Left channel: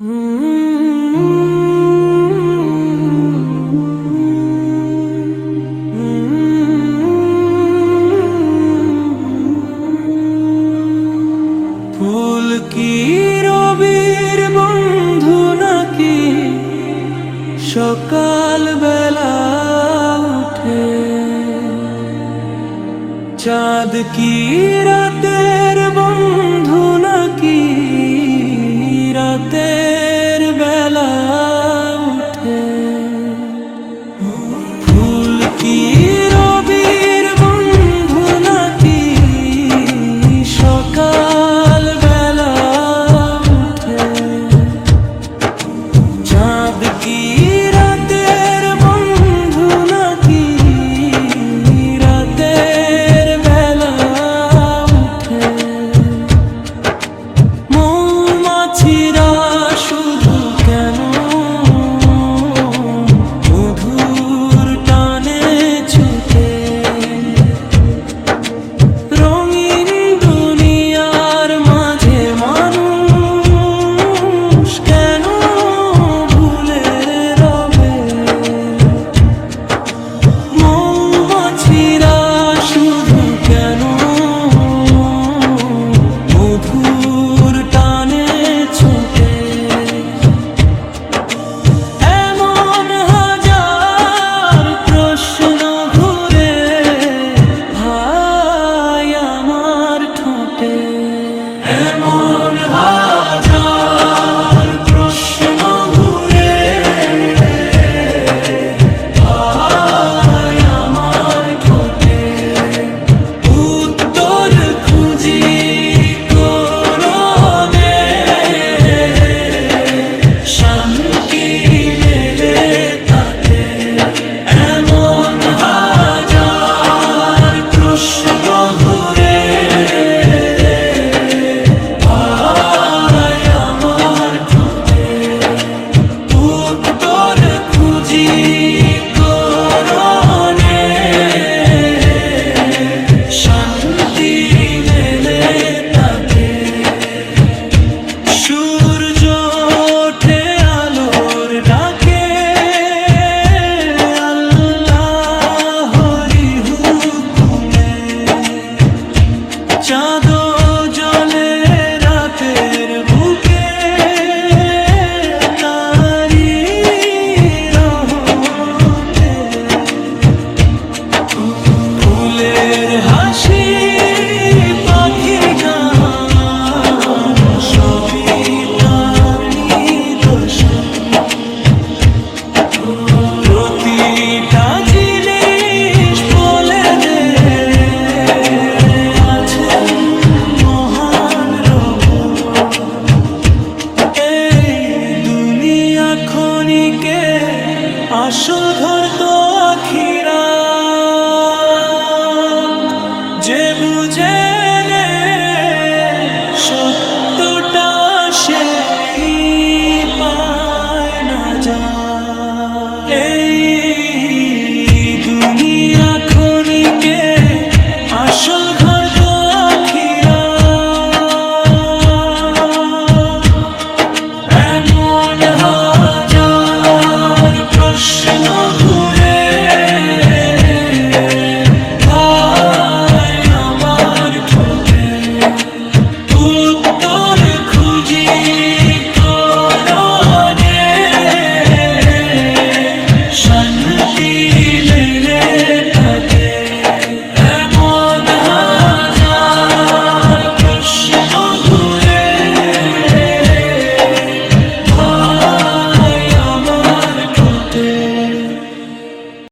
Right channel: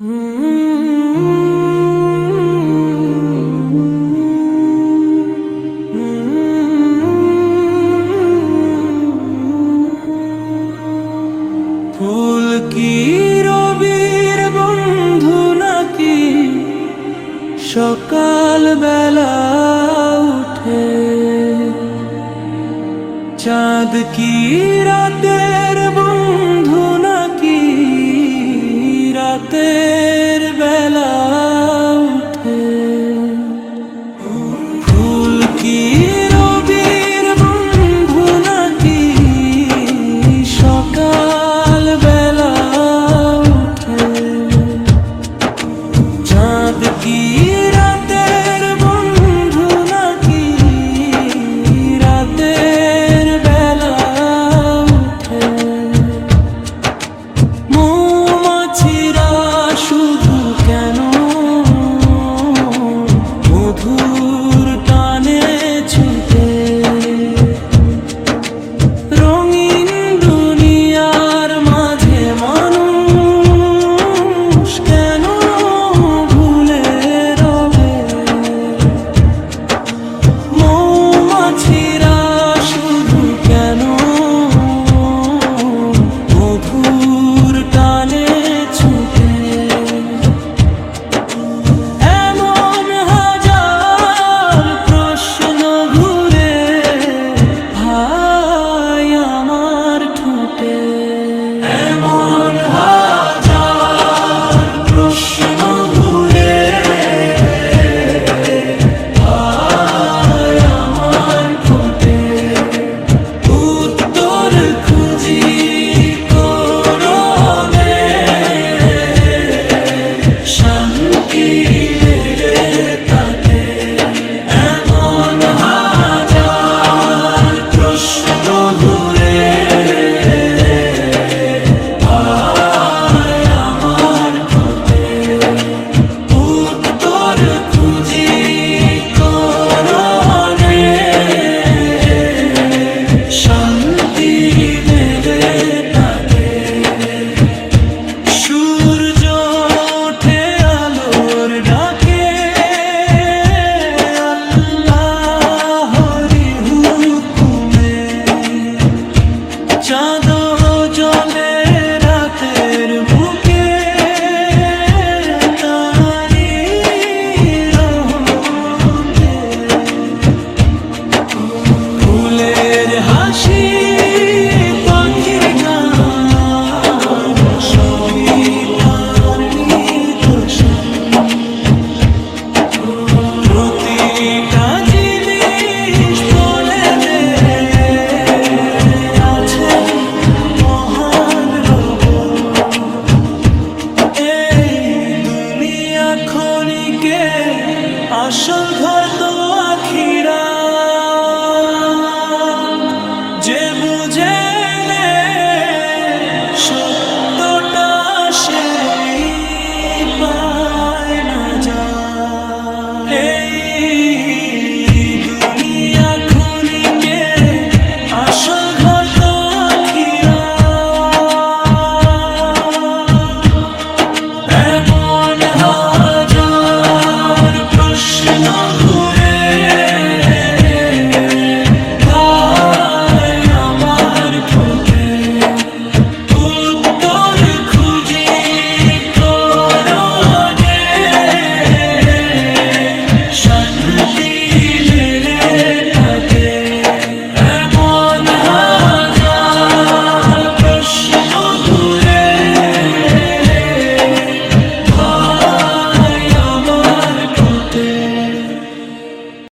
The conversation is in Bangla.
ফুল কি রবির বন্ধু নাকি সকাল বেলা উঠে? চাঁদ কি রাতের বন্ধু নাকি রাতের বেলা উঠে? ফুল কি রবির বন্ধু নাকি সকাল বেলা উঠে? চাঁদ কি রাতের বন্ধু নাকি রাতের বেলা উঠে? মৌমাছিরা শুধু কেন মধুর টানে ছুটে? রঙিন দুনিয়ার মাঝে মানুষ কেন ভুলে রবে? মৌমাছিরা শুধু কেন মধুর টানে ছুটে? এমন হাজার প্রশ্ন ঘুরে ভাই আমার ঠোঁটে। এমন হাজার প্রশ্ন ঘুরে ভাই আমার ঠোঁটে। উত্তর খুঁজি কোরআনে, শান্তি মেলে তাতে। এমন হাজার প্রশ্ন ঘুরে ভাই আমার ঠোঁটে। উত্তর খুঁজি কোরআনে, শান্তি মেলে তাতে। সূর্য ওঠে আলোর ডাকে, আল্লাহরি হুকুমে। চাঁদ জ্বলে রাতের বুকে, তারি রহমতে। ফুলের হাসি পাখির গান সবই তার নিদর্শন। প্রতিটা জিনিস বলে দে আছেন মহান রব। এই দুনিয়া ক্ষণিকে, আসল ঘর তো আখিরাত। যে বুঝে নে সত্যটা সেই পায় না যায়। এই দুনিয়া ক্ষণিকে, আসল ঘর তো আখিরাত। এমন হাজার প্রশ্ন ঘুরে ভাই আমার ঠোঁটে। উত্তর খুঁজি কোরআনে, শান্তি